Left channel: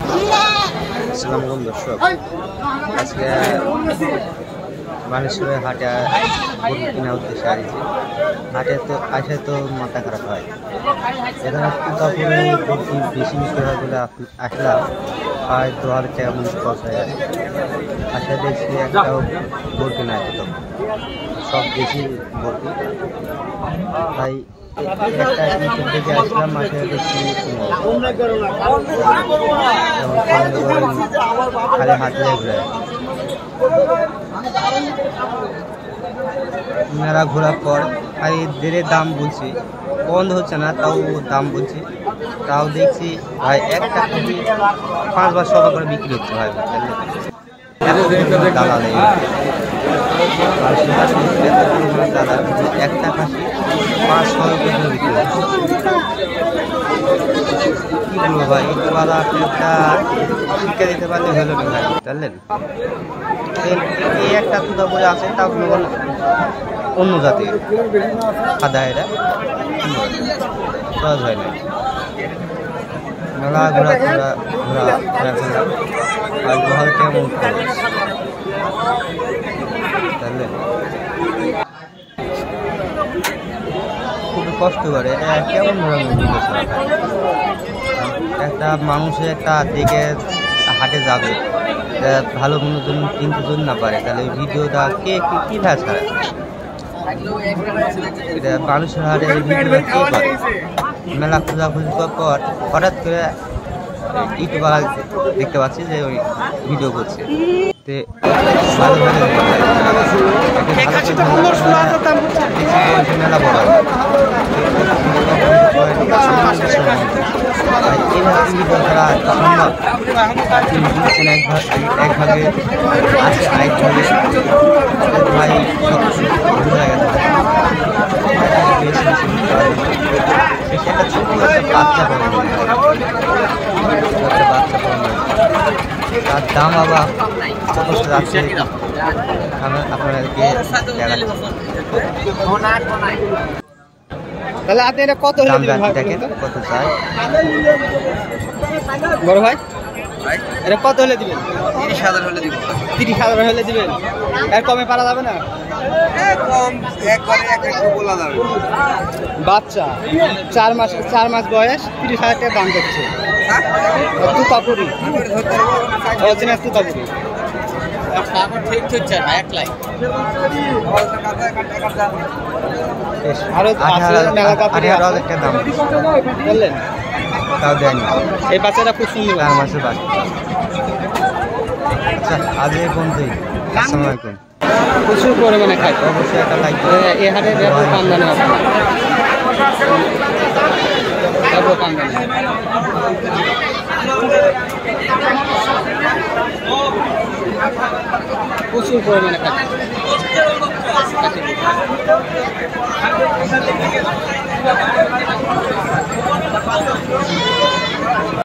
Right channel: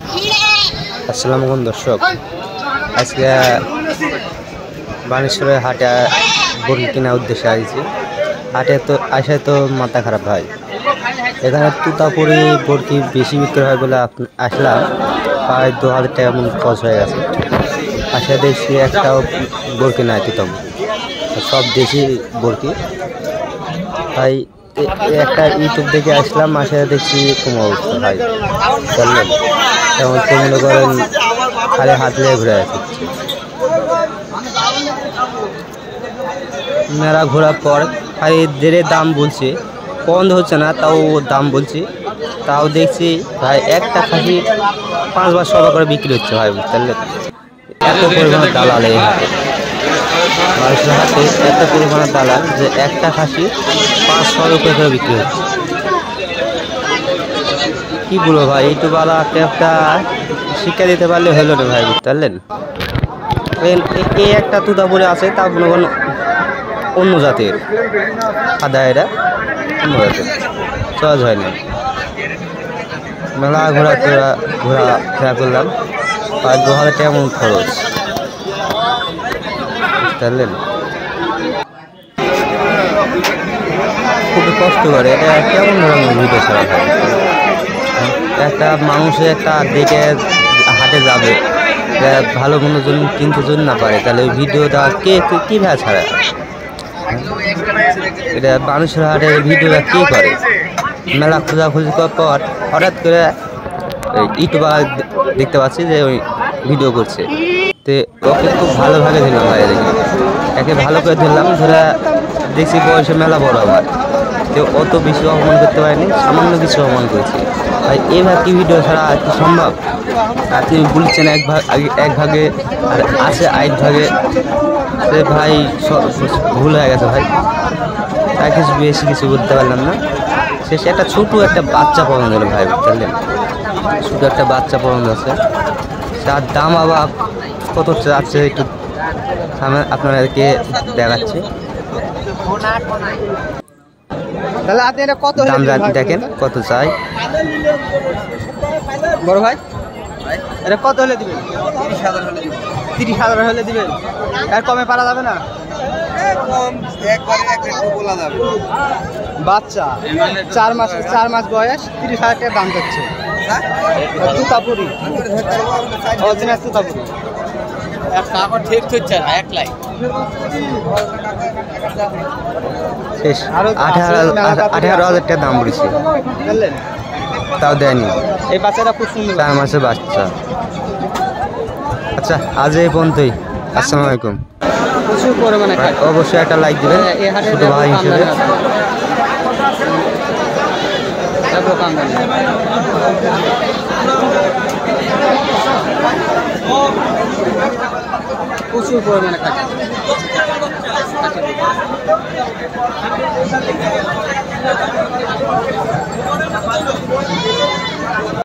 আসসালামু আলাইকুম দর্শক, আজকে বানেশ্বরের হাটে গরু কেনার উদ্দেশ্যে আসছি। হাটে তো আসায় তো মাথা খারাপ হয়। এখানে তুতাপুরি বরকি বেশি বিক্রি হয় বলে আসলাম। প্রায় 2000 টাকা মতো খরচ হয়ে গেছে। আসা দেখছি একটাও বরকি নাই, তুতাম সব দেশি বরকি। তাই একটা ইউটিউব দেখে আসলাম, আসে দেখছি কোনো অবস্থা ভাই। তেমন মনে করেন খালি হাত নিয়ে ঘুরে আছে। মেলা ঘোরার পর খালি দেড়ের দাম বলছে, বন্ধ হচ্ছে না, তাও দাম বলছি। তাও দেখছি ভাই একটা খাসি 500 করে বিক্রি হচ্ছে ভাই, বুঝতে যে একটা খাসি 500 করে বিক্রি হচ্ছে। কি বলবো ভাই, এইটুকু একটা শিক্ষা দিতে পারলে হলো না ভাই, বুঝতে পারলেন। এই একটা তুতাপুরি আছে, তা মনে করেন অন্য জাতের সাদা, এরা অন্য জাতের, সহজ হয় না। মেলা ঘোরা করলাম, প্রায় 2000 টাকা মতো খরচ, বুঝলেন। খুবই কষ্ট করে, এটা কেমন ধরনের ভিডিও ছাড়া একটা মানুষের একটা দেখে হাটে যাবে, ভালো কোনো জন্য কিনতে জন্য না পারে, তাহলে ওই ভিডিওটা কীভাবে ছাড়া? এটা মানুষের হাটে এই ভিডিওটা কে করে? মেলা খোঁজাখুঁজি করার পর হঠাৎ করে ইউটিউবে দেখতে পাচ্ছি যে ওই ভিডিও করছে। তো ভালোভাবে একে ভালো করে ধরলাম, দেখছি বয়সে মেলা বড় হয়। তো অত বেশি অপমান করতে পারেনি, সামান্য কিছু অপমান করছে ভাই। এইভাবে কি ভিডিও ছাড়া এত সম্ভব? তিনি বলছেন এক ভাগে আছে, এক ভাগে ভাই সব ভুল হয়ে গেছে ভাই। আর কিছু বেশি করতে পারলাম না। শেষে একটা ছোটো একটা বাচ্চা পালন করি ভাই, বুঝলেন। ছোটো একটা বাচ্চা পালন আছে, তার দাম আবার কত যাচ্ছে একটু আপনাদেরকে দেখাচ্ছে। তাহলে আপনি এটা কত হলে দিবেন ভাই? দেখেন কত চাই বড় ভাই, এটা কত হলে দিবেন? 30,000 হলে দিব। 30,000 হলে দিবেন? এর কমে পারা যাবে না? কম একবারে একটু বলা যাবে। বাচ্চা 4 মাস বয়স, 30,000 টাকা দাম করছে। তুতাপুরি, অরিজিনাল তুতাপুরি। ঠিক হচ্ছে না, 1 লাখ। আরো আছে মেলা তাড়াতাড়ি আছে, দাম দিচ্ছে, বুঝলেন। তাও দেয়নি। এই বাচ্চাটা খুব সুন্দর, মাসের বাচ্চা। আচ্ছা, আজ এই পর্যন্তই। আসসালামু আলাইকুম। প্রচুর পরিমাণে খায়, অবশ্যই একটা লাইক দেবেন। এই হাটে ব্যাপক আমদানি আছে, ব্যাপক আমদানি। প্রচুর পরিমাণে খায়।